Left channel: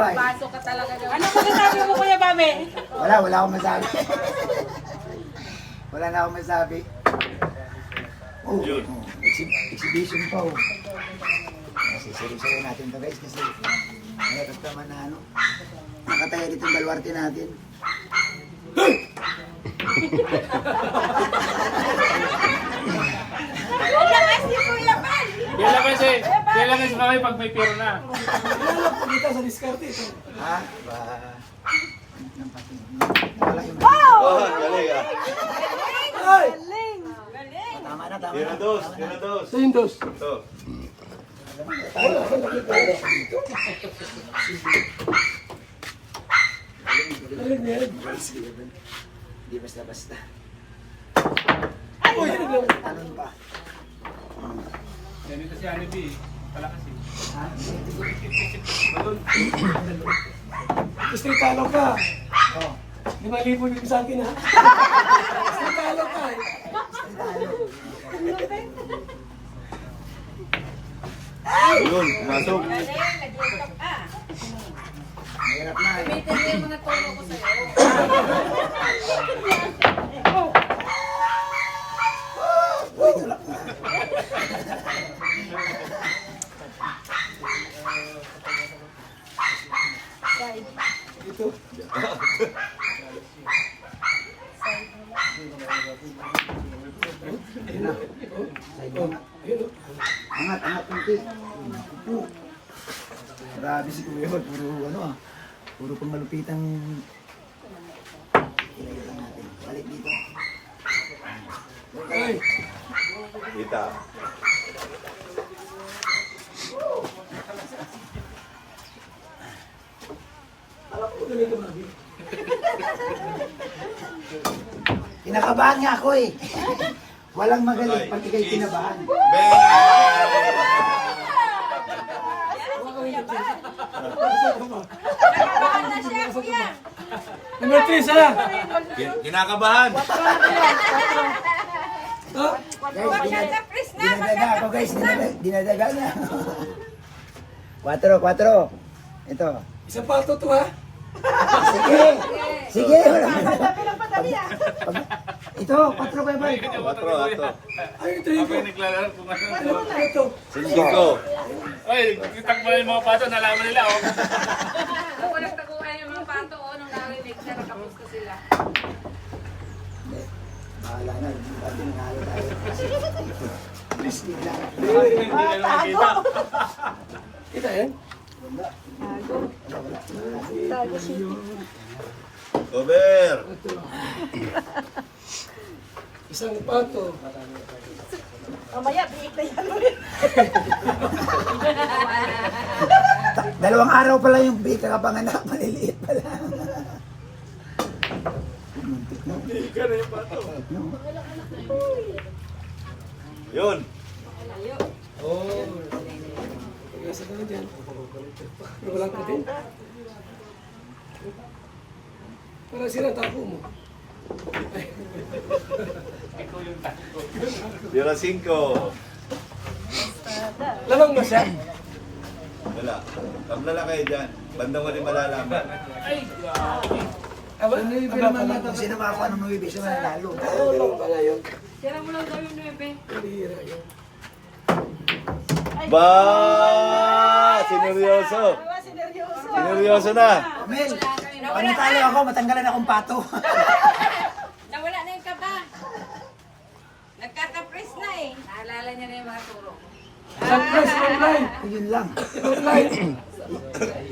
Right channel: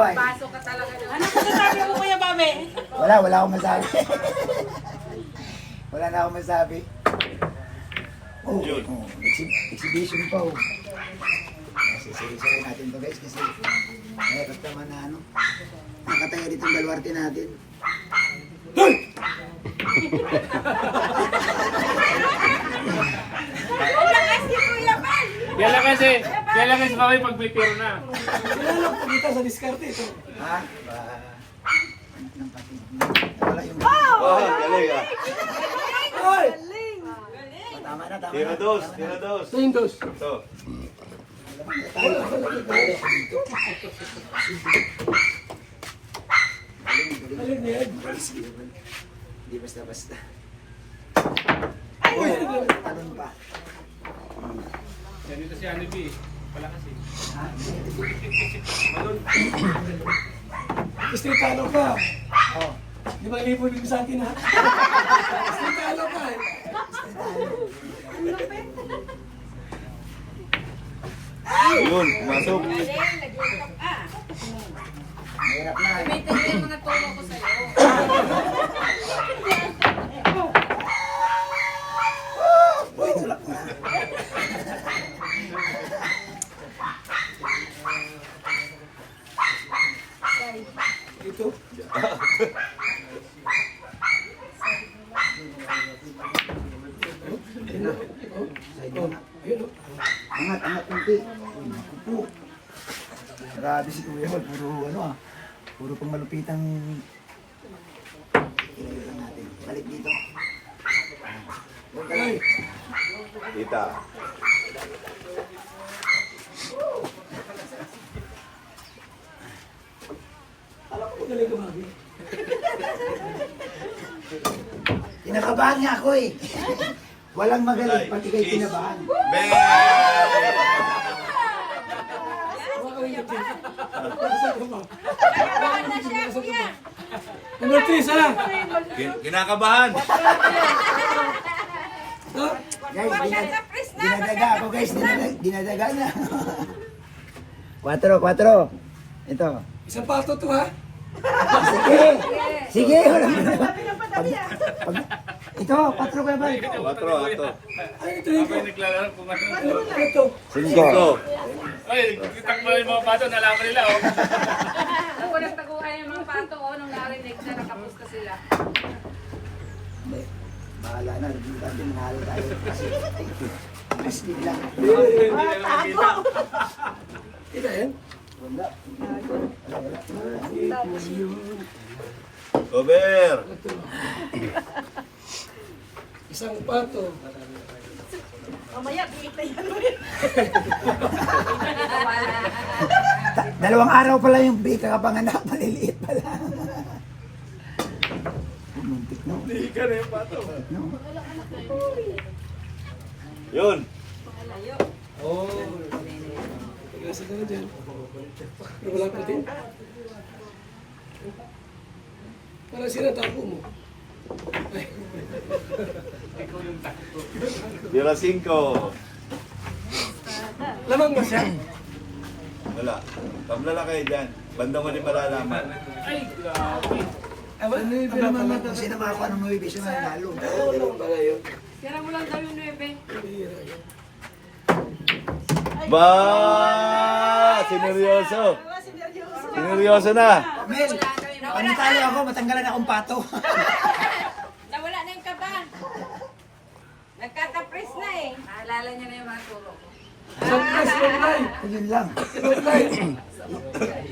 ay. Pasok ka talaga doon. Ano ko sabi mo, Kuya Babe? Wala akong masabi. Wala na akong masabi. Oh, exhibition pa oh. Sisiri-siri natin to guys kasi may customer na ano. Nakataya dito yung baluarte natin. Kailan kasi kami pag may pera na. Sinalok po kita sa diskarte ito. Ha? Oh, galing ah. Ay! Tama na, tama Tira na. dos, tira dos. Tindos. Ito. Alin yan? Hindi basta-basta. Uy! Talon pa. Yan ito si Ani B. Palakas eh. Istrikalo ka. Oh. 5,000 bibig sa akin ha. Istrikalo ka eh. Yun, pumasok. Nag-iikap ka. Mahirap na. Gamitin mo yung mga tono ko sa'yo. Uy, tulak na. Ito. Angat, angat kunti. Kupo. Grabe si Kuya Bal, puro ano ah. Puro pang malupitang ilagay lang natin. Balik dito. Ay! Kita. Alam ko galing kumagi. Kinakabahan nga ako eh. Walang magaling pag ikay kinabahan. Ben! Number 3 sana. Kinakabahan. Ha? Guys, dinadaga ako guys. Dinadaga niya. 4. Ito. Isang pato to ha. Sige. Sige. Ito, 4 Kuya Bal. 4, ato. Ay, ito yung May naglalaro kung ano. ano to? 5. Ay, takbo yung mga pato, nalaman nila. Oh. Walang taguan yung mga pato o nung narinig na nakamusta sila. Bahala na. Hindi natin nanalo tayo. Kasi mas bigla. Hindi kayo nakikita. Kita yan? Over. Isang pato. Dalawang araw pala yung bika kapanganak. Maliliit pala. Hindi ka na yung pato. No? Yun. Oh. Kaya ka na dyan. Wala pa din. Parang sila tapo mo. Tira 5. Lamang mo siya. Wala. Tabla kayo dyan. Bandang wali malalaman. Ay, grabe. Ano yung pinamamata? Kung sino makakuha ng mga bibig siya mananalo. Oo lang pala yun. Tira mo lang daw yung 9. Pahira yun. Ba! Sineryoso. Sineryoso na. Mel, pag natalo ako, matanggalan akong pato. Nawala na yung kaba. Nagkatapris na eh. Naalala niya na yung mga turo ko. Surprise online. Yun lang. Online.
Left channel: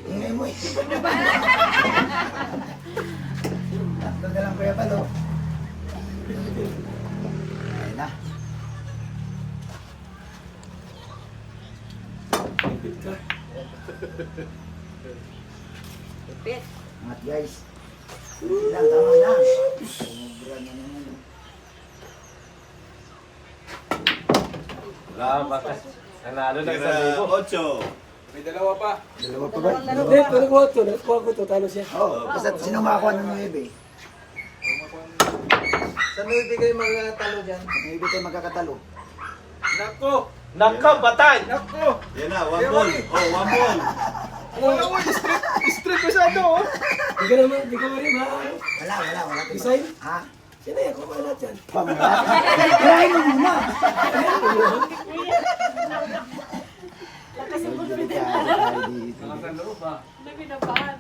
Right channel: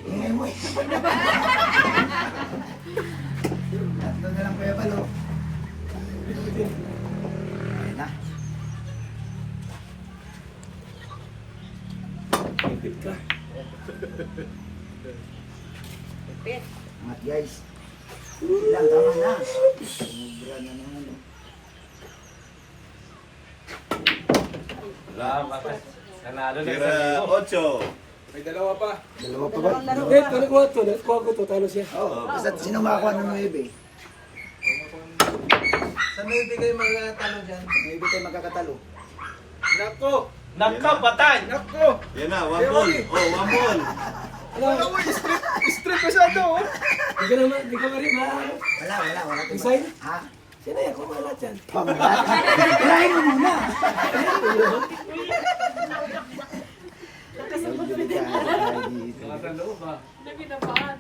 Hindi mo eh. Tatlo na lang Kuya Bal, oh. Ayan na. Ka. Pipit. Angat guys. Hindi lang, tama na. Sobra na naman. Wala pa. Nanalo na Tira sa 8. May dalawa pa. Dalawa pa ba? Eh, kung nakuha to, nakuha ko to, talo siya. Oo, basta sino makakuha ng 9? Sa nuwi kayo mga talo dyan. Pag 9 tayo magkakatalo. Nako! Nako, patay! Nako! Yan na, 1 ball. Oh, 1 ball. Ano? Di ka naman, di ka marim ha? Wala. Design? Ha? Sino yan? Kumalat yan. Pamalat. Try mo muna. Nasa loob ah. May binabahan.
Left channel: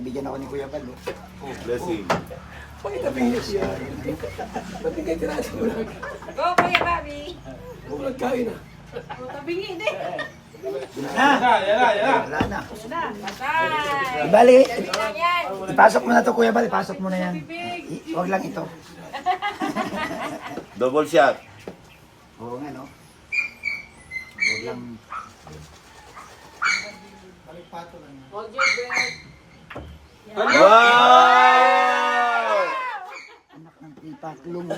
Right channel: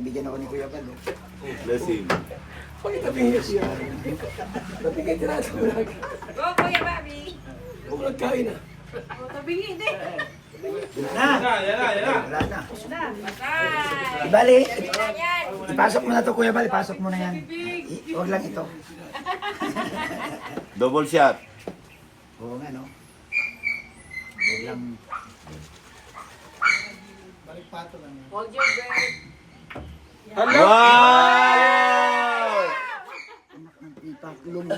Bigyan ako ni Kuya Bal. Blessing. Pakitapin niya siya. Ba't hindi tira sa bulag? Go, Kuya Bobby. Bulag kain na. Mabingi din. Yan. Wala na. Bye. Bali, ipasok mo na to Kuya Bal. Ipasok mo na yan. Huwag lang ito. Double shot. Oo nga no. Huwag lang. Hold your breath. Wow! Anak ng itaklong.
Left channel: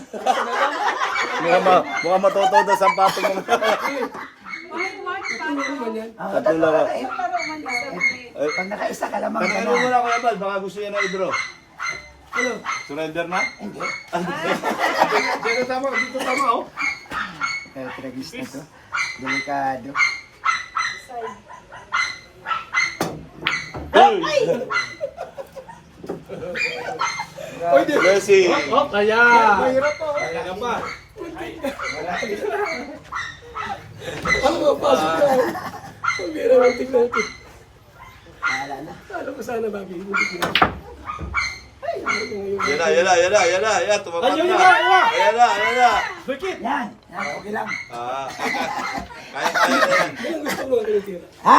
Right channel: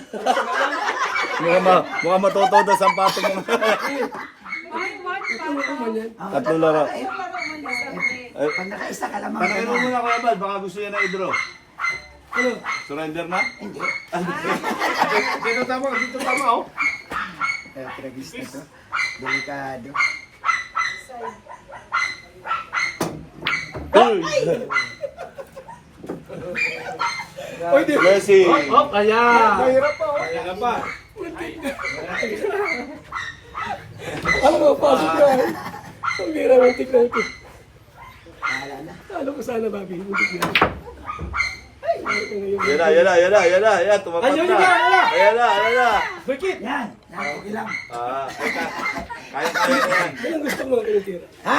Mukhang matutudo sa patong mo. Ano naman yan? Tatlo lang. Pag nakaisa ka lamang Pagkano mo na Kuya Bal, baka gusto yan na i-draw. Ano? Surrender na? Hindi. Dito tama oh. Tragis na to. Delikado. Blessing. Oh, kaya. Mahirap pa oh. Kaya pa. Ano ba? Pasok ka. Ang bira mo tignan ko. Bahala na. Ano ko sana, Bobby? Hindi tignan. Ay, ano ka ngayon? Yan na. Tumatak Ayun, na. yan. Ayan na. Bakit? Yan. Okay lang. Kaya na yan. Ano gusto mo ang tira? Ha?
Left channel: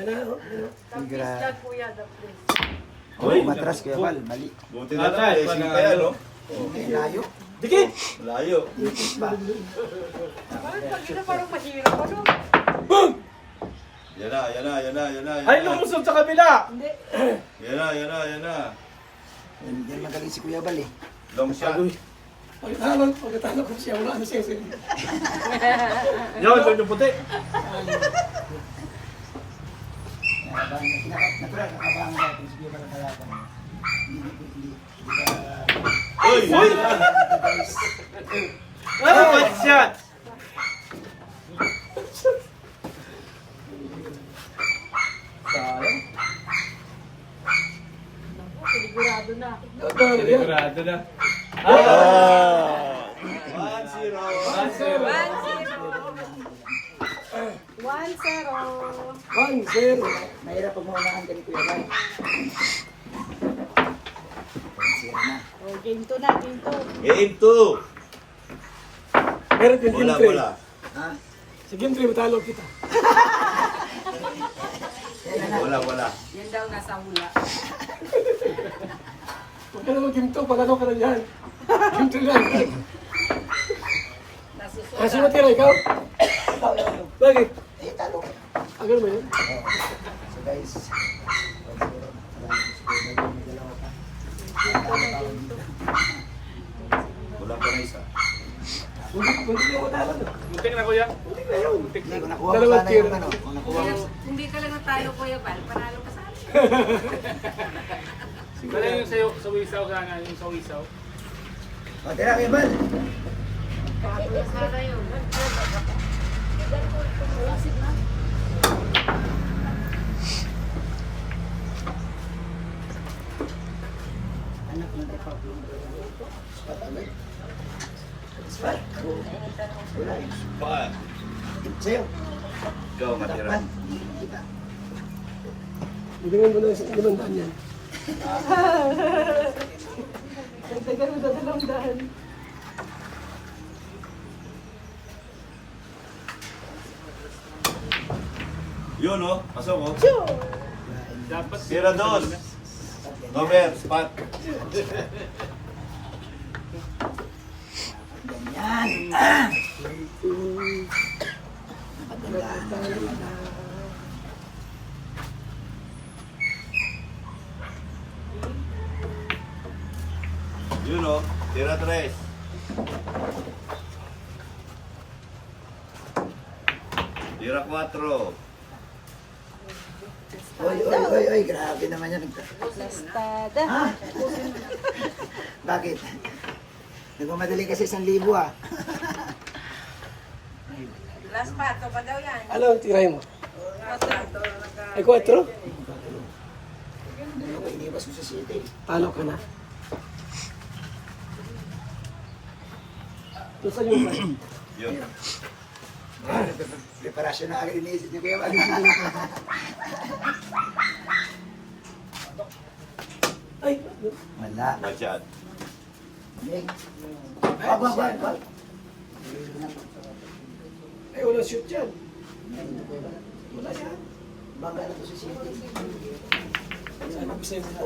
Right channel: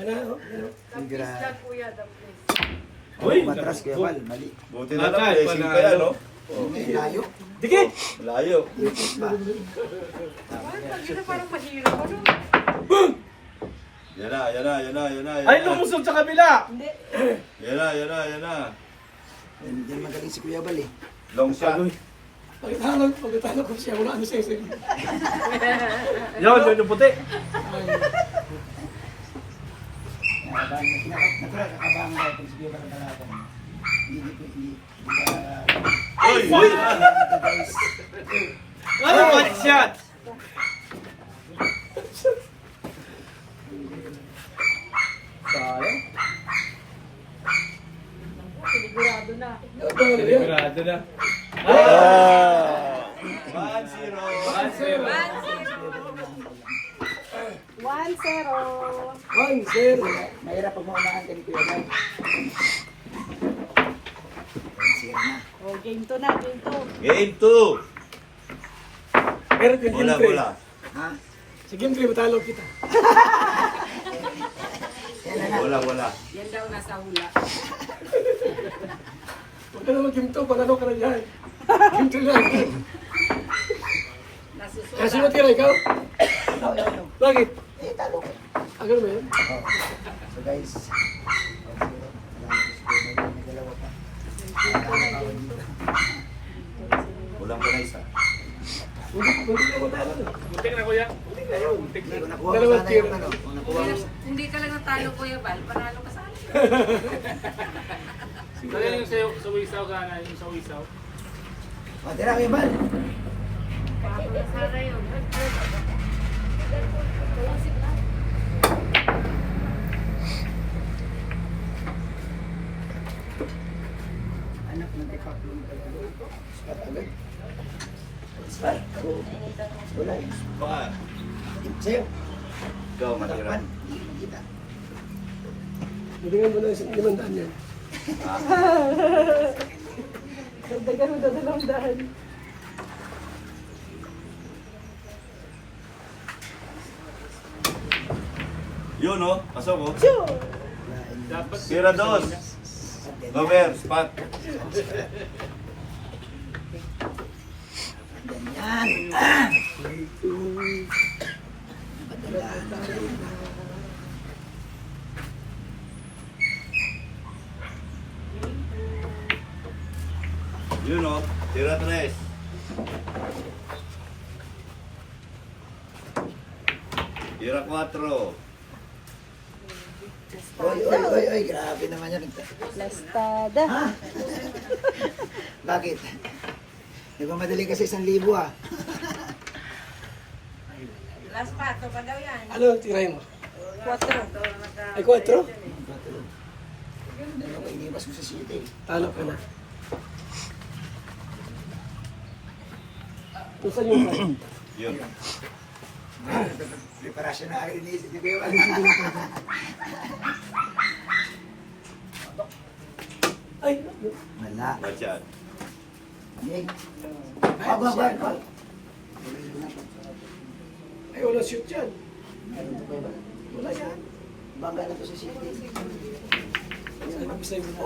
Ano? Ano? Grabe. Kuya, the please. Uy, Matras Kuya Bal. Mali. Buti na lang, Atay, blessing pa yan, no? Layo. Dikit. Layo. Pa. Pag ito parang mahirap. Ano? Yan na. Ay, lumusod sa kabila. Yan na. Hindi magaling si Kuya Bal eh. Long shot. Pagkatalo ko siya, wala ano siya. Yun, yung puti. Natural, nakabang natin si Kuya Bal ang kalaban. Hindi Uy! guys. Ano, one shot? Sayang. Sigurado na. Sigurado na. 1-0. 1-0. 1-0. Mahirap pag maunahan ka ni Kuya Bal. Sira na. Oh, game 2 na, game 2. Game 2. Pero kung game 3. Wala. Ha? Sa game 3, matalo kita. Wala. Yan daw nasa hula. Kung ano game 2, panalo ka na yan. Game 2 lang. Kasi mo tira, ikaw? Bakit? Eh, talo. Agad mo yan? So guys, 1-0. Dalawa pa. Kulang pa na isa. Hindi ka matalo na. Muntik na kuya. Hindi ko nakuha ko Dalawang sana tiro. yung ano. Kung nakuha ko sa... Hindi ka lang natalo, Kuya Bal. Panalo ka sana. Dala yung sa wisaw sana, yung sa wisaw. O, tira Kuya Bal. Pakatulas na kayo. Anak na tayo paplong. Spat agad. Spat. Wala eh. Baka. Sa'yo. Ikaw matira. Takpan. Kita. Bibigyan mo na sa 500 yan. Yun, no? Pasok, oh. Dapat Sira dos. Domer, spot. Ganyan. Yun, no? Tira 3. Tira 4. Oy, grabe naman yan. Espada. Ha? Bakit? Nagmamadali kasi 1,000 ah. Last pato pa daw yan. Ano ang tiray mo? Ay, 4? Dalawa iniwas mo sa city. Talo ka na. Ito sa yung Yun. Preparasyon na agad iniisip ni Kuya Val. Ay, Wala. Watch out. Nick. Bal. ay walang shoot yan. Meron to Kuya Val. Wala yan. Bangga na to sa city. Saan mag-save na?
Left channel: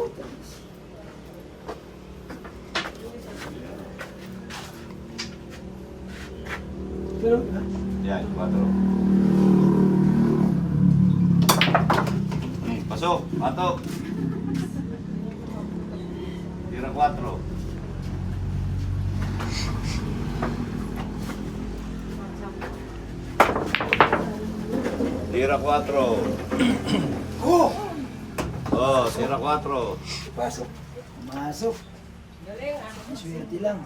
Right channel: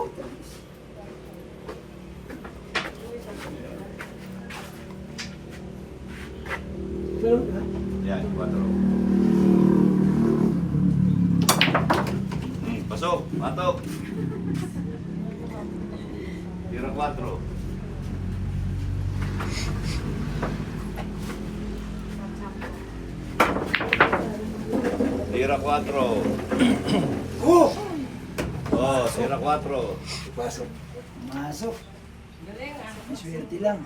Pero, Yan, 4. Pasok, patok. Tira 4. Tira 4. Oh! Oh, tira 4. pasok. Masok. Swerte lang.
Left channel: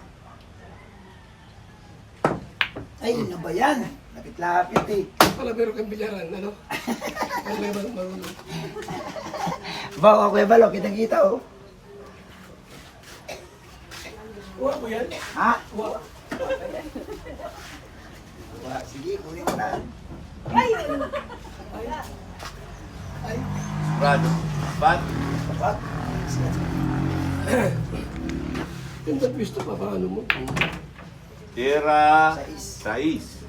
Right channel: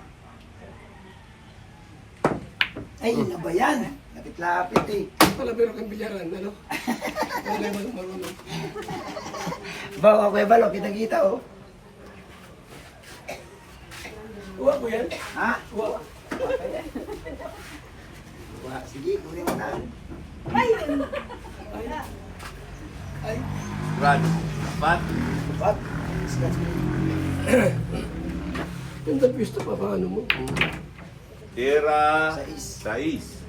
Ay, ano ba yan? Lapit-lapit eh. Wala pero kang bilyaran, ano? Wala yung marunong. Ba, okay ba? Kitang-kita oh. Kuha ko yan. Ha? Kuha. Sige, kunin mo na. Brad, bat. Wag. Ganda pista pa, paano mo? Tira 6. 6.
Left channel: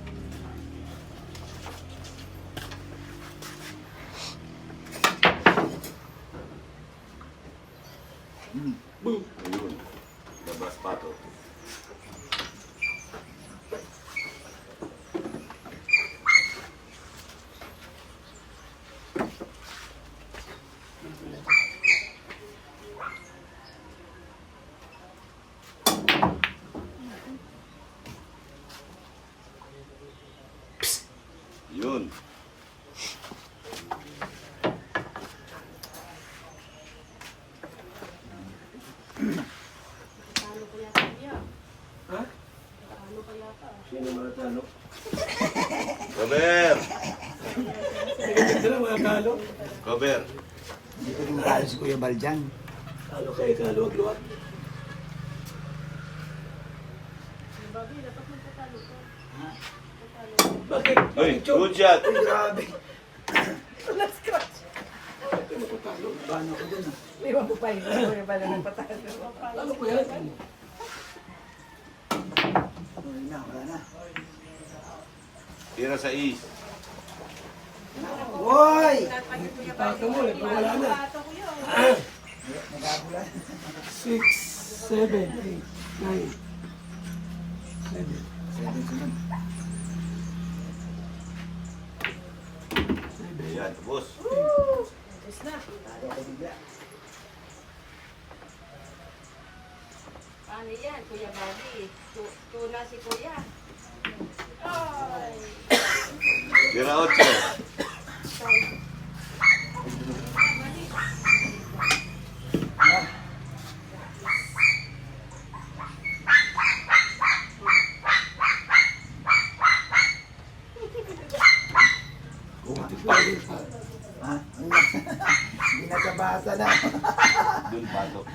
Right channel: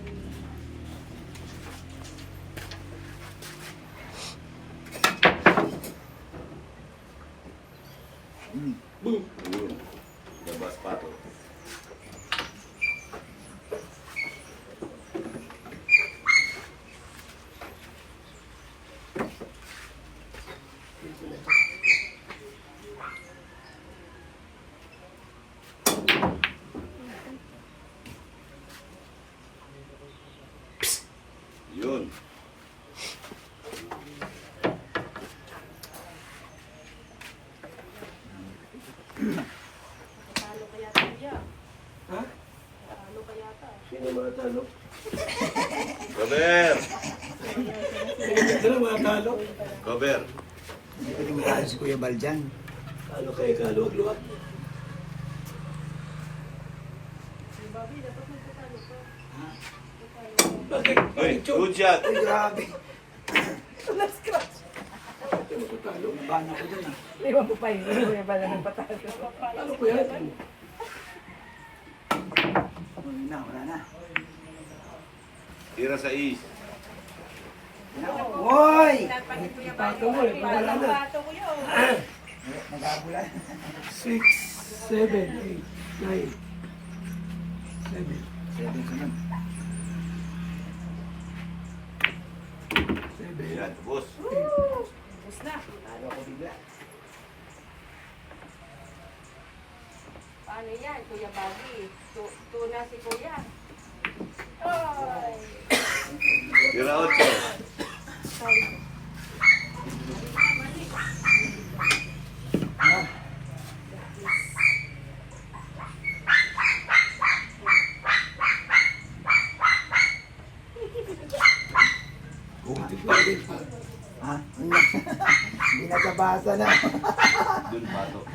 Boom. Ayun. Labas patok. Yun. Ha? Sino mga talo? Cover. Nagiging na mga talo. Cover. Hindi ko rin makalo si Kuya Val dyan. Talo kayo, kaluwag-luwag. Bakit? Uy, good shot. Uy, grabe. Bakit mo talo? Bano ko dun ah. Talo ko yan. Wala na. Iya, Tira 6. Woy! Ipaka mo eh, kung wala na. Nagabula. 6, 7, 8, 9, 7. 7 sunod. 7. Yan, tapos. Ayaw ko bigla. Paano yan, Kuya Bobby? Tuna si Kuya. Tira 8. Ha? Hindi nakabasa na. Dun patok.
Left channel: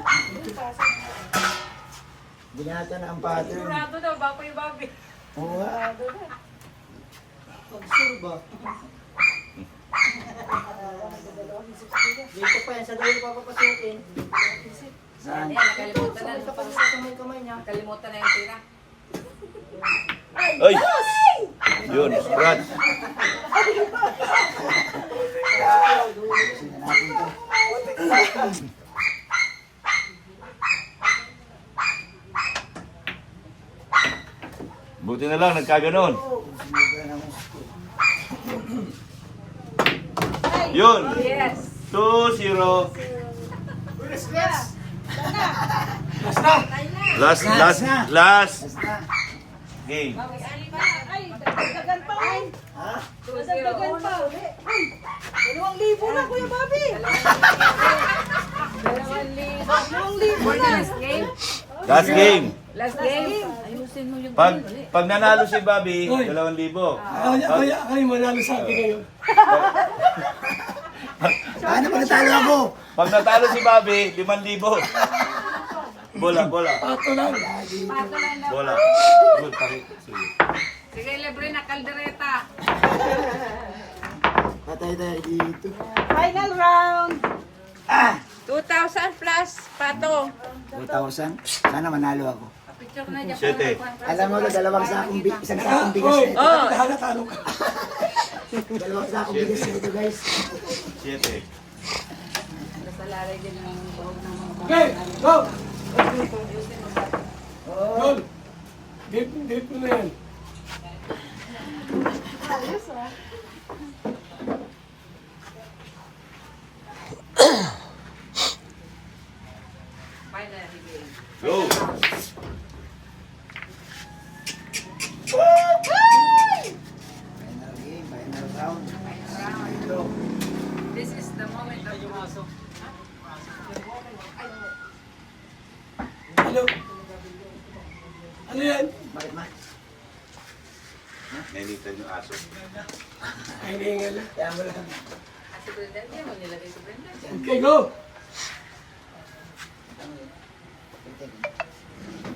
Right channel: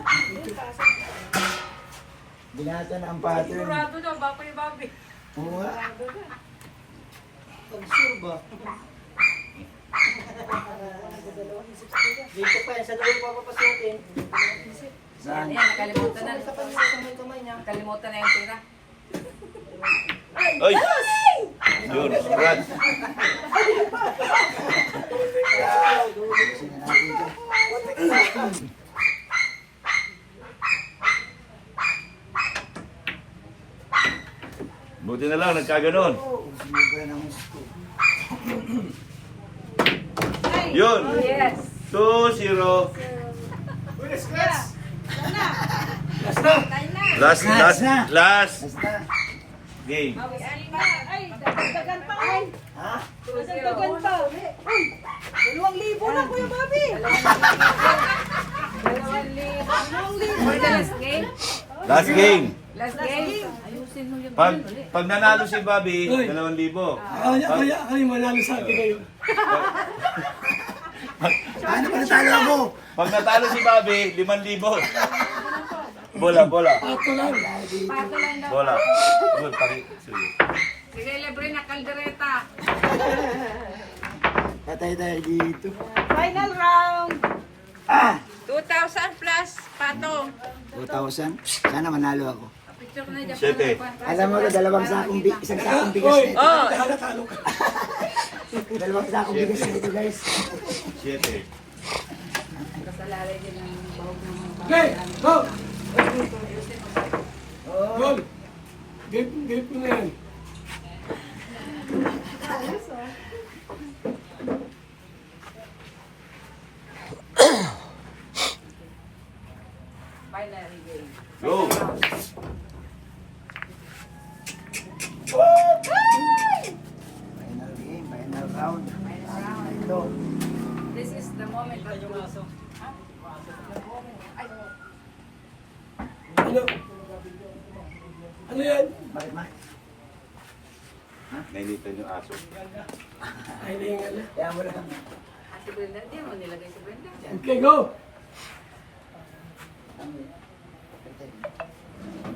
Binasa na ang pattern. Sigurado daw ba, Kuya Bobby? Oo nga. Pag-sure ba? Dito pa yan, sa daw papapasukin. Saan? Yan, nakalimutan na. Kamay niya. Nakalimutan na yung tira. Ay! Yun, Brad. Ayusin na natin ito. Buti na lang, nagkaganon. Sumubra na ng gusto. Yun. Yes. 2-0. Last na. Last Basta. game. Ay, dagdagan pa ay. Ha? Dagdagan pa. Uy, 2,000 na Kuya Bobby. 2,000. For the last game? Last game. Last game? Ayusin mo yung Pag nanalo si Bobby, 2,000. Kaya manalo sa atin ngayon. Paano pag natalo ako? Pag natalo si Bobby, 5,000. Bola. Pato lang. Bola. Good, pare. Sige. Sige, libre na kaldereta. Patay tayo dito. Final round. 2,000 plus, Pato. 2,000. Sana manalo ako. Picture na dyan. 7. Alam mo, isang sakong bigas na ito. Halatalo ka. Dalawang sakong bigas na ito, guys. 7. Salalay din ang bahog ng mga Okay, go! Yun. Gate mo na yan. final game. Go. Final game, final round. Final round. Ito. This is the moment of Ano? Ano yan? Bakit ma? Nainitan yung aso. Ay, hindi nga na. Kaya mo lang. Si Brenda, di mo nilagay si Brenda. Okay, go!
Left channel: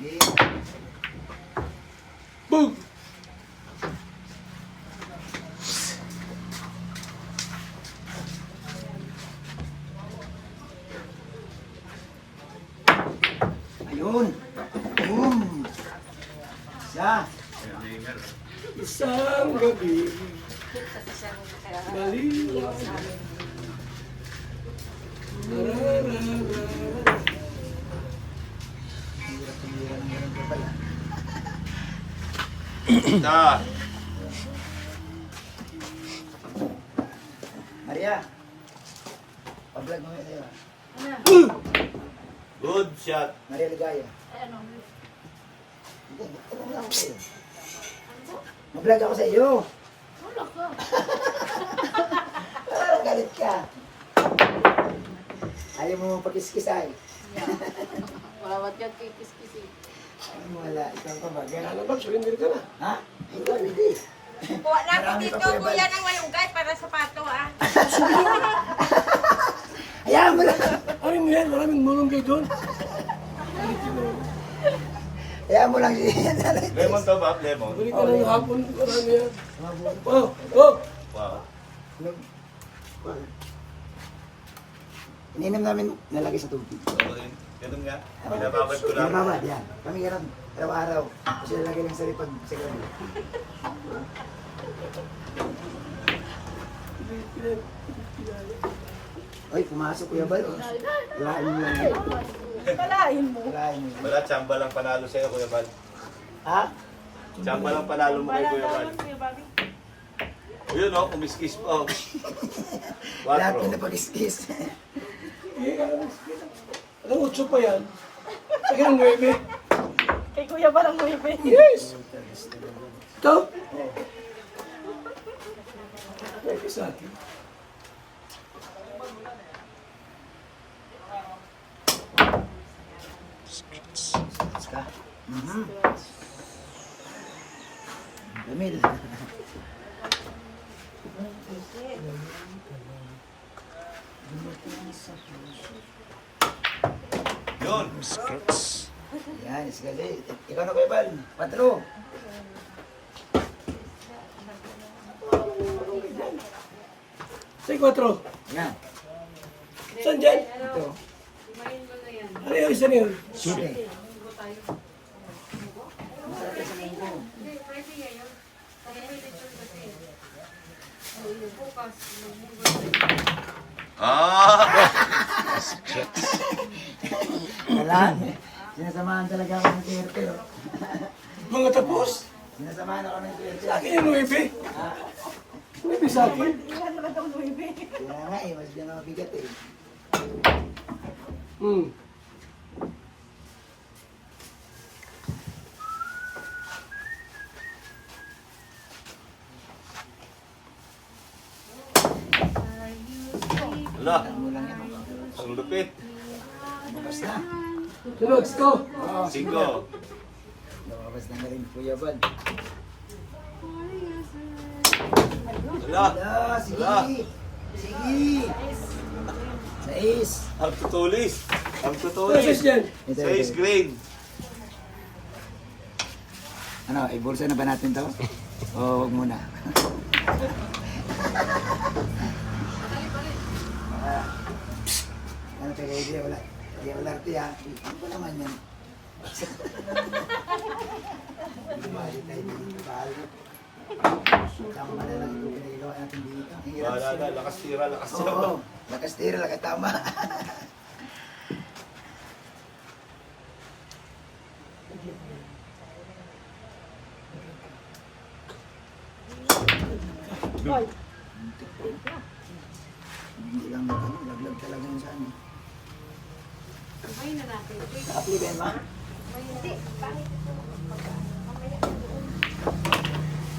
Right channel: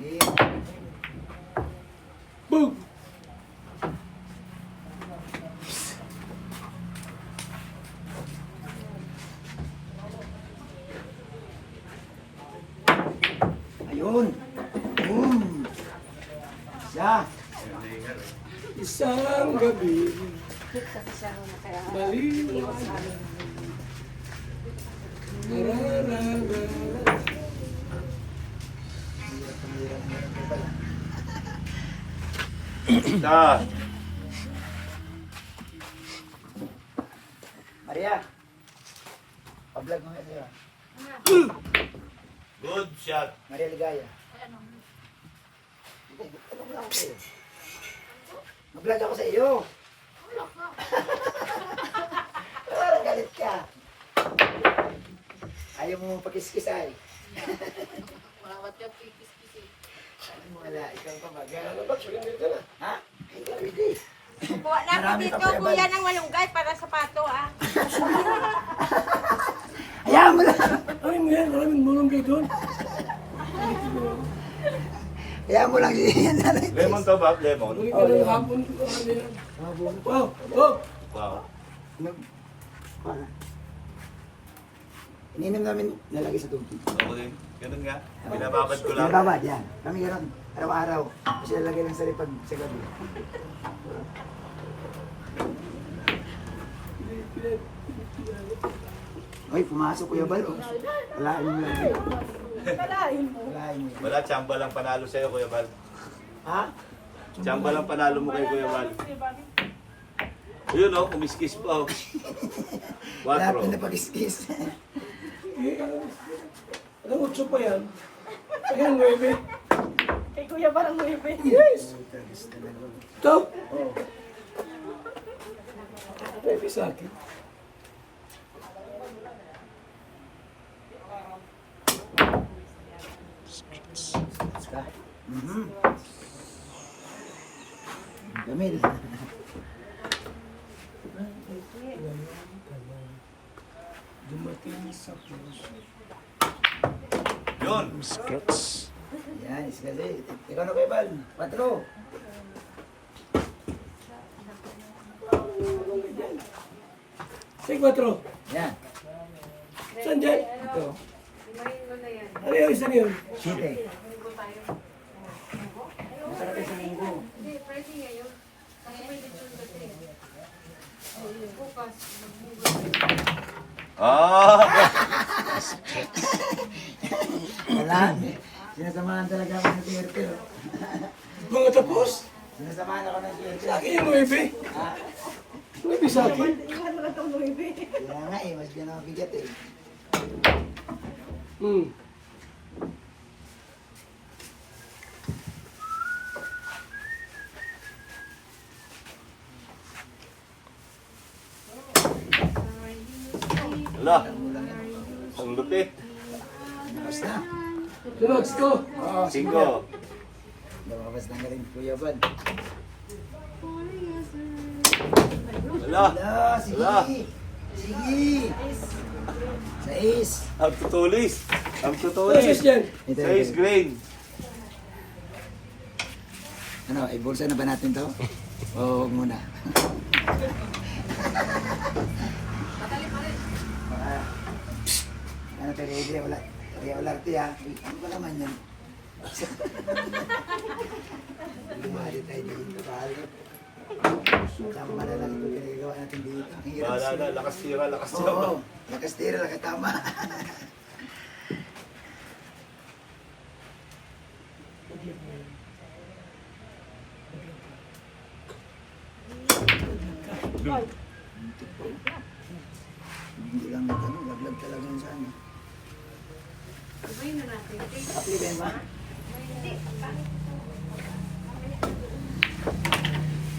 Game. Boom! Ayun. Boom. Siya. Isang gabi. Maliwanag. Nararamdaman. Shot. Maria. Pa-vlog mo nga sa'yo. Good shot. Maria Ligaya. Hindi, tanong lang ako sa'yo. Ma-vlog ako sa iyo. Parang galit ka. Ayaw mo pagkiskisay. Bawat yung kikis-kisi. Wala, ikaw pa ba? Ganun. Ano ba? Surrender ka na. Ha? Hindi. Kuha na ako Marami dito, pa, Kuya Bal. kuya ng malunggay para sa pato, ah. Hayaan mo lang. Ano mo yan? Maraming mulunggay doon. Hayaan mo lang yan. Lemon to ba? Lemon. Balik ka na ng hapon. Marami yan. Oh, oh! Wow. Ininom namin nalagay sa tubig. Okay. Ganun nga. Pinababad ko lang. Nababad yan. Kami ganun. Araw-araw. Kasi nalagay lang sa lipag sa gabi. Uy, pumasok Kuya Bal. Alain mo lang yun. Kalain mo. Alain mo. Wala, tsamba lang panalo sa'yo, Kuya Bal. Ha? Tsamba lang panalo mo kay Kuya Bal. Yun o, kumiskis pa o. Lahat 4. na pag-iskis. Anong utso pa yan? Ay, ang 9. Kay kuya ba lang mo ibig? Yes! Ito? Pwede sa akin. Damil. Yun. Yan, iskali. Ikaw na Kuya Bal. Patro. Sa 4. Yan. Saan dyan? Ito. Ano yung isa ngayon? Siyempre. Ah! Wala. Sinasamahan talaga ako ng swerte. Oh. Mga tapos? Sinasamahan ako ng swerte. Sa akin yung 9. 9 sa akin. Iwan mo na itong ibig. Kaya nga eh, mas dyan ako bigat eh. Hmm. Wala. Ang lupit. Bukas na. Sunod, ito. 5. Lumabas na rin Kuya Bal. Wala. Wala, sige. Wala. Sige. Sa ace. Ang tutulis. Ang Ano tutulis. siya dyan? Ito, Sa ace grain. Ano, ibulsa na ba natin to? O, huwag muna. Ano tayo, wala. Wala arte ha. Ano ba naman yan? Bumali tayo dito, bahalo. Tama na lang ito pinagawa natin dito. Ang hirap Wala na. Lakas tira. Lakas tira. Oo, lakas tira, lakas tama. Hindi lang ito, laglag talaga yun sa amin. Apply ba yun ba?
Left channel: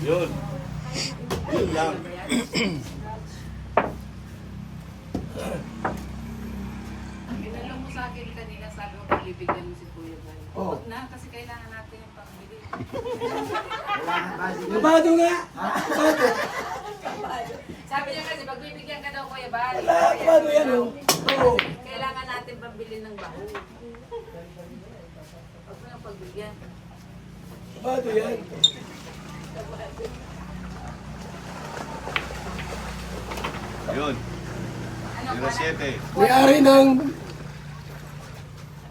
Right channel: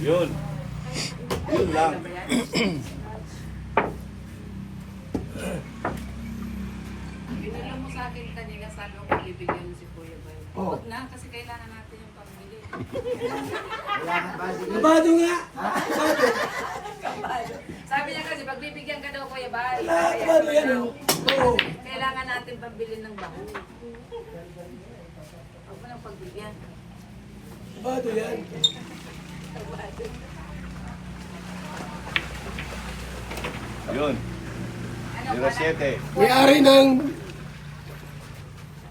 Yun. Yun lang. Pinala mo sa akin kanina, sabi mo bibigyan mo si Kuya Bal. Oo. Huwag na, kasi kailangan natin yung pamili. Wala na ba? Sige. Labado nga! Sabi niya kasi, pagbibigyan ka daw Kuya Bal. Labado yan oh. Oo. Kailangan natin pambili ng baho. Huwag mo nang pagbigyan. Labado yan. Yun. Ano 07. May-ari ng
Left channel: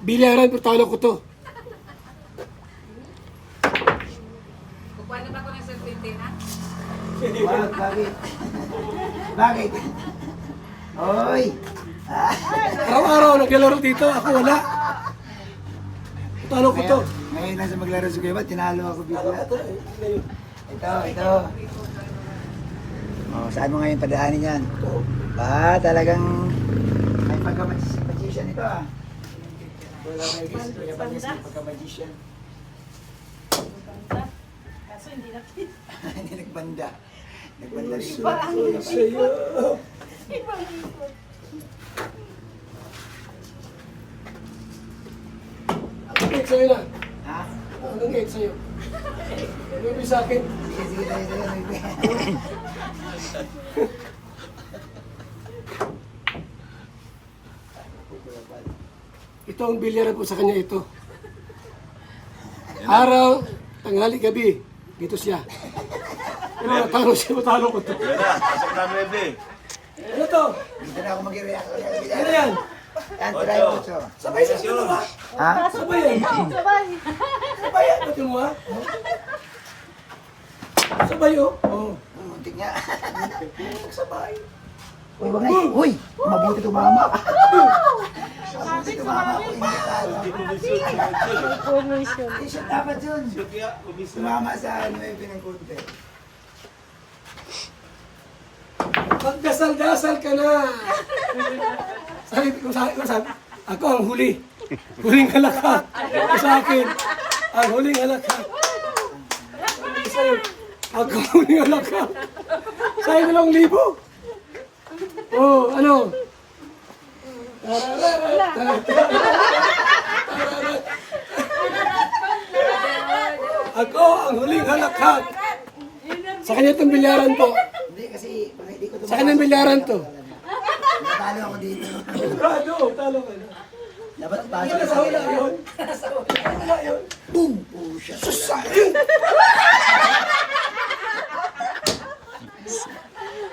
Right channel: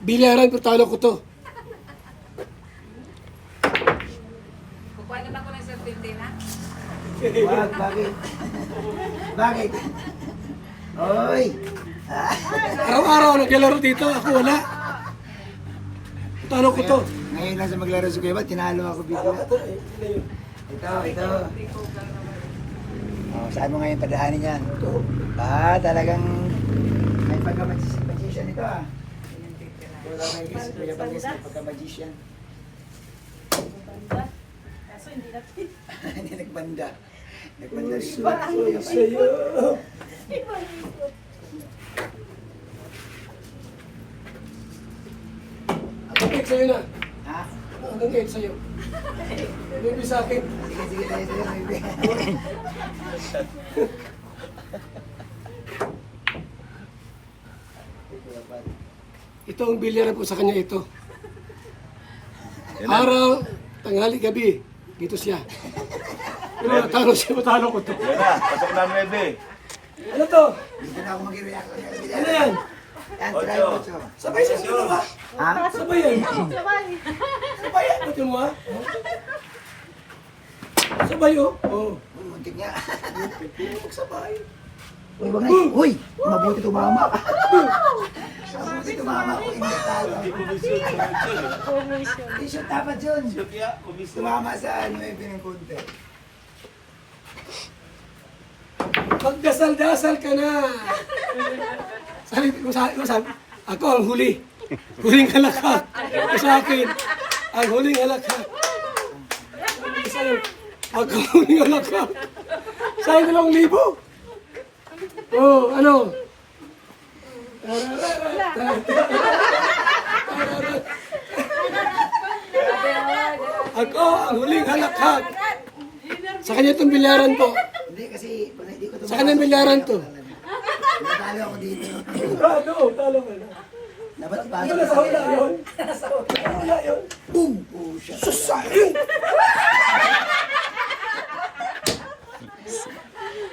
bilyaran, pero talo ko to. Kukuha na ba ko ng serpente, ha? Wag, bakit? Bakit? Oy! Araw-araw naglalaro dito, ako wala. Talo ko to. Ngayon lang sa maglaro sa Kuya Bal, tinalo ako bigla. Ito. Oh, saan mo ngayon padaanin yan? Talagang may pagka-magician ito ah. Wala na yung Kuya Bal kasi may pagka-magician. Hindi nagbanda. Nagbanda rin. Sa'yo. Anong 8 sa'yo na? Ha? Anong 8 sa'yo? Ano yung sa akin? Sige, tayo. Ito ang bilyaran po sa kanya ito. Araw, tanghali, gabi. Dito siya. Pero natalo siya, matalo ko to. Yan na. Pasok na 9. Ano to? Hindi na ako mag-react. Ano yan? Yan, try ko ito. Sabay sa dalawa. Ha? Sabay yan. Sabay yan. Ito mo ha? Sabay oh. Oh. Muntik nga. Sabay. Uy, wag nga. Uy, mabuti tumama. Mabuti tumama ko. Hindi talo. T-shirt dapat yun. Kaya, umis na. Tumama sa 9 ng konti. Magdasal-dasal ka na. Sabi, ako ang huli. Huling halakak. Ito sa akin. Ang huling halakak. Sa'yo. Ako ang huling halakak. Sa'yo 2,000. Oh, ano? Ako ang huling halakak. Sa kanya itong bilyaran to. Hindi kasi, pag hindi ko tumama. Sa kanyang bilyaran to. Natalo ako dito. Talo ka na. Dapat pasok Wala sa sa wala yun. Wala yun. Boom! Oh, shit. Susayang!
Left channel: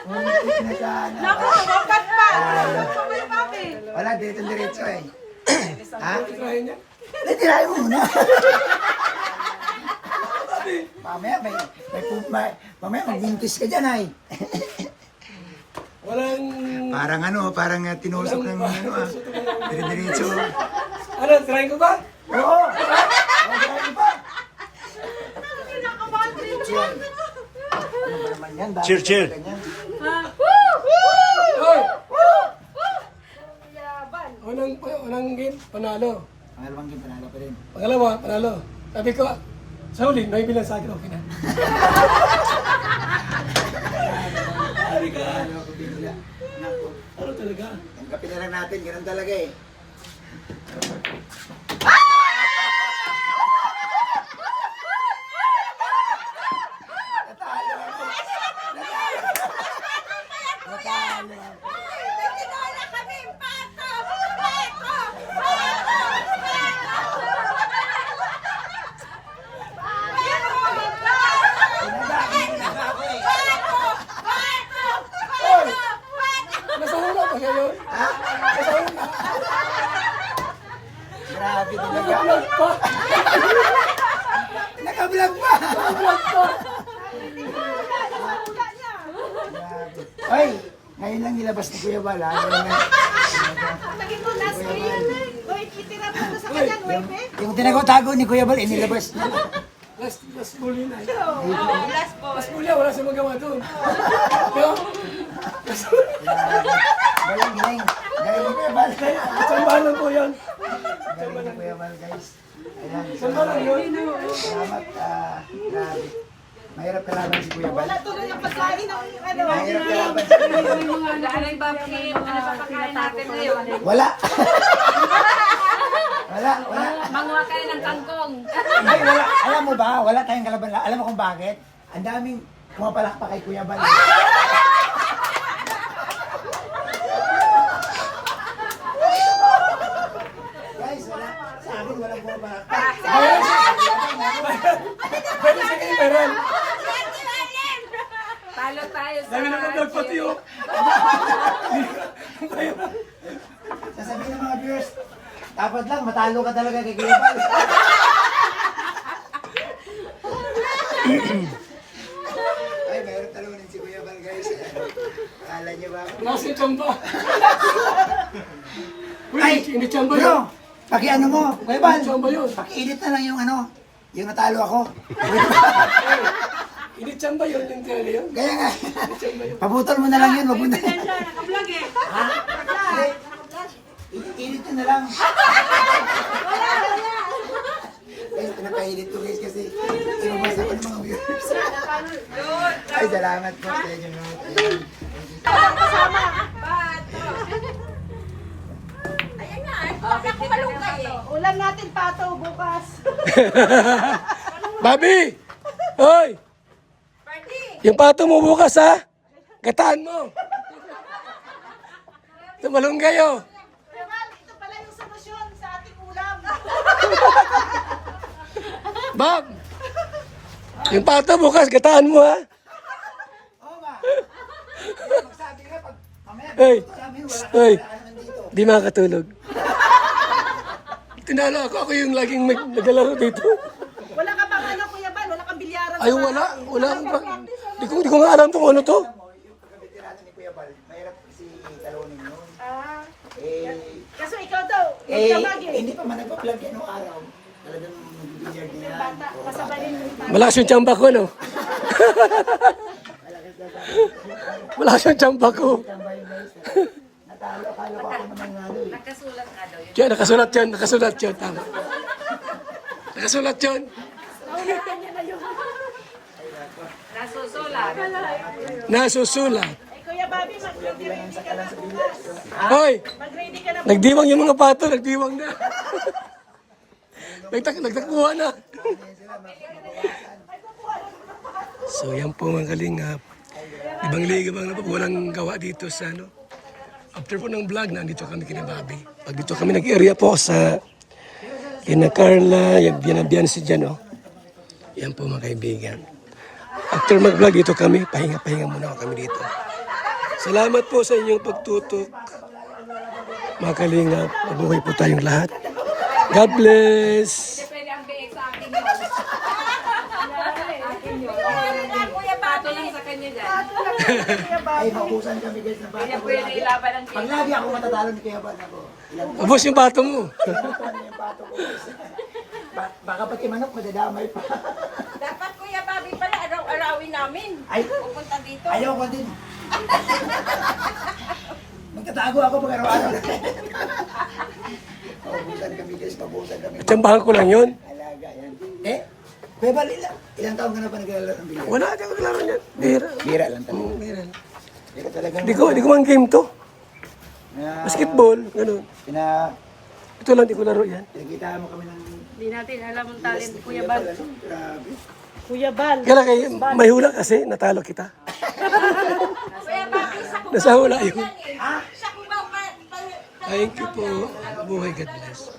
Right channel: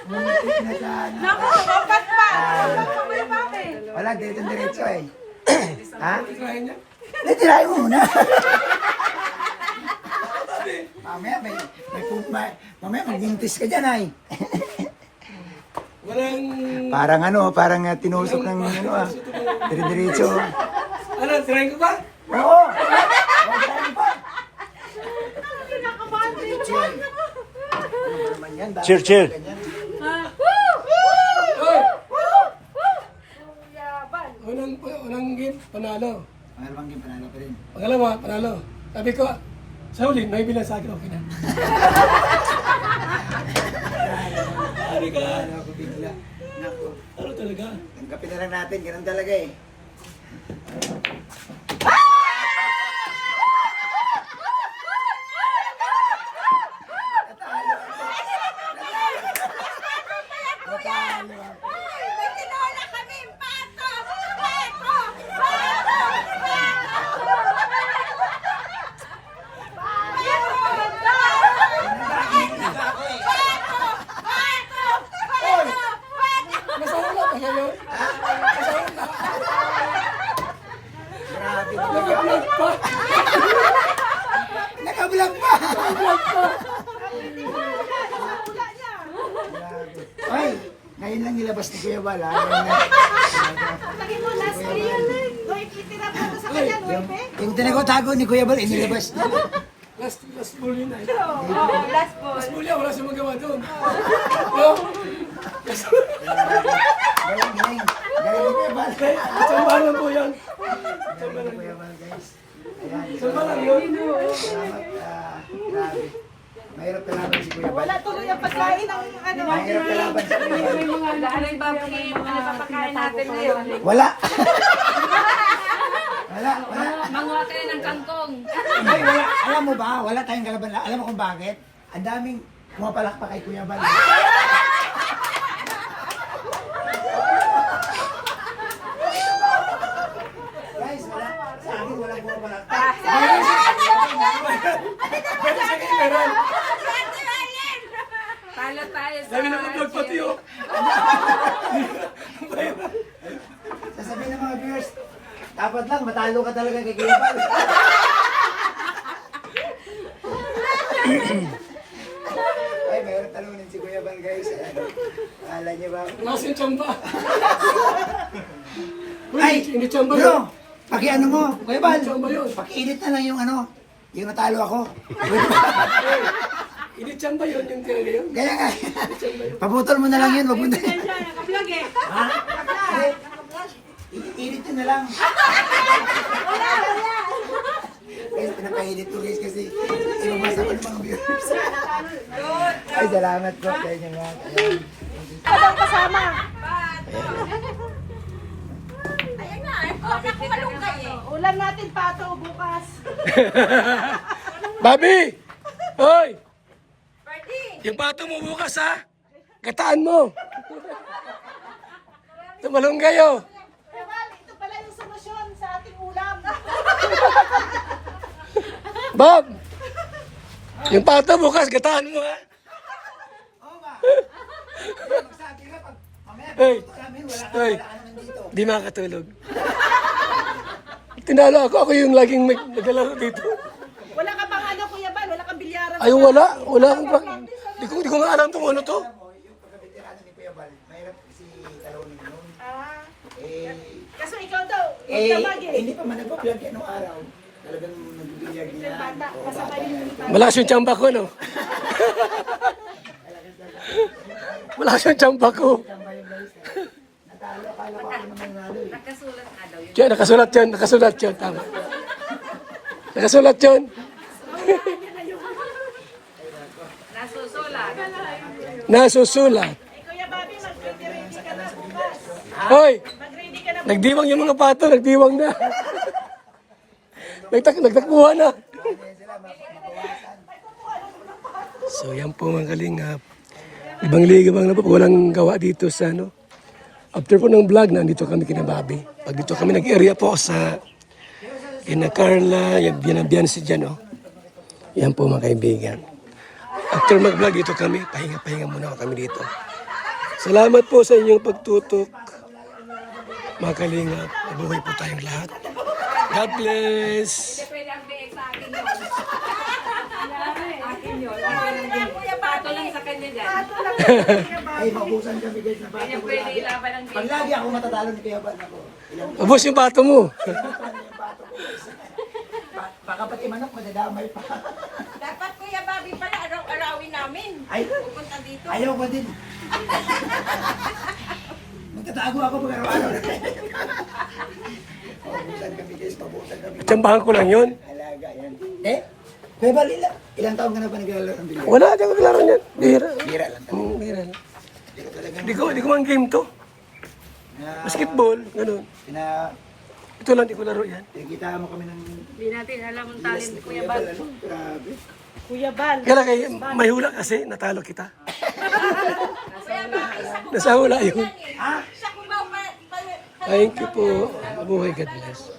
Muntik na sana. Dapat pa! Dapat pa may mami! Wala, dito diretso eh. Ha? Tirahin niya. Hindi, tirahin mo muna. Mamaya magbuntis ka dyan ay. Walang... Parang parang tinusok ng dire-diretso. Ano, tirahin ko ba? Oo! Tirahin pa! Diretso yan. Cheer. Oy! Unang game, panalo. Pangalawang game, panalo pa rin. Pangalawa, panalo. Sabi ko, sa huli, may bilang sa akin, okay na. Sabi ka, Panalo ako bigla. Naku, ano talaga? tanggapin na lang natin, ganun talaga eh. Kaya yun? Grabe talaga. Vlog pa. Naka-vlog pa. Vlog pa. Ay, ngayon lang nilabas ni Kuya Bal, ha? Ngayon lang. Naging mo last year. Hoy, kitira mo ako sa kanya, hoy, pe. Yung tinatago ni Kuya Bal, inilabas niya. Last muli na. Last muli, wala siya magawa doon. Yo. Galing, galing. Galing ni Kuya Bal. Sambahan lang po yan. Galing ni Kuya Bal, guys. Ayan. Sambahan lang yun. Salamat, grabe. Mahirap kalaban si Kuya Bal. Wala tuloy ang pagkain ng ano. Mahirap kalaban si Kuya Bal. Dahil babaki, ano papakain natin ngayon? Wala. Wala, wala. Manguha tayo ng kangkong. Ay, wala. Alam mo ba, wala tayong kalaban. Alam mo kung bakit? Ang daming pumapalakpak kay Kuya Bal. Guys, wala. Sa akin, walang pumapalakpak. Pwede sa kayo, meron. Talo tayo sa... Lagi naman vlog pati yun. Sasabihin ng mga viewers, dapat lang, matalo ka talaga kay Kuya Bal. Ay, mayroon talunin si Kuya Bal, guys. Akala niyo ba? Wala kasing tsamba. Ay, Hindi tsamba bro, yun. pakiano mo, Kuya Bal. Tsamba yun. Pakiinit na lang yung ano, yung natalo ako. Hindi tsamba yun yung talaga yun. Kaya nga, paputol mo na lang yun, wag mo na. Naka-vlog eh. Ha? Init na lang. Guys, pinapainit ko guys kasi ibabasa ko ng mga viewers. Ay, salamat po sa inyo mga. Ayan. Ulam natin pato bukas. Bobby! Hoy! Yung pato mo bukas ha? Gataan mo. Tumalong kayo. Kuya Bal, ito pala yung solusyon sa ating ulam. Bob! Yung pato bukas, gataan mo ha? Sabi nga, pag mamaya, Hey! sabi wala ka Hey! nandito. Di makatulog. Tinalo ako, ako yung laging naglalaro dito. Wala ka bang ano, Kuya Bal? Wala kang bilyaran. Ay, wala. Wala akong di ko nga alam kung ano to. Yung pagkabitirato ni Kuya Bal, mahirap kasi talunin mo. Ah, Eh, kasi ikaw daw, magdamag eh. hindi pa man nagpa-vlog yan nung araw. Talagang nag-vlog din yan. Bata, kasabay yung Malakas yung tsamba ko, no? Malakas yung tsamba ko. Natalo, akala ko ako naman nalo eh. Nakasulat nga daw yun. Yan, nakasulat yun. Nakasulat yun. Tama. Nakasulat yun. Nasusulat. Nasusulat. Eh, Kuya Bobby, mag-ready ka na bukas. Hoy! Mag-ready ka na Nagdiwang yung mga pato. Nagdiwang na. Nagtakbuhan na. So, yan po mga kalingap. Ibang ligabang na po. Walang gawa dito sa ano. After po ng vlog, nandito kami kina Bobby. Pag dito kami nag-area po sa kina Carla, yan ang biyan si Jan, oh. Yan po mga kaibigan. After mag-vlog, dito kami. Pahinga-pahinga muna kami dito. Salamat po sa inyong pagtutok. Mga kalingap, mabuhay po tayong lahat. God bless! Pwede ang biig sa akin yun. Akin yun. Pato lang sa kanya dyan. Ay, mabusan kami guys na Kanya bato. pwede ilaban ng Pag lagi ako matatalo ni Kuya Bal ako. Ilang Abos yung pato mo. baka pati manok, madadamay pa. Dapat Kuya Bobby pala araw-arawin namin. Ay, Pupunta dito. ayaw ko din. Magtatago ako pag araw-araw. Mabusan kami guys, mabusan kami. Tsambahan ko lang yun. Alaga yan. Eh, Kuya Bal, ilang taon ka na ba naglalaro ng bilyo? Wala, di ako naglaro yan. Bira. Bira lang talaga. Bira lang. Hindi ko talaga. Di ko man game to. Basketball, ganun. Ito lang, di ko laro yan. Pinakita mo kami ng Hindi natin alam ang talent ni Kuya Kuya Bal. Bal. Ano? Grabe. Kuya Bal. Kaya kayo, may hula kasi, natalo kita. Nasa hula yun. Sa Cubao pa Thank you po. Mabuhay, God bless.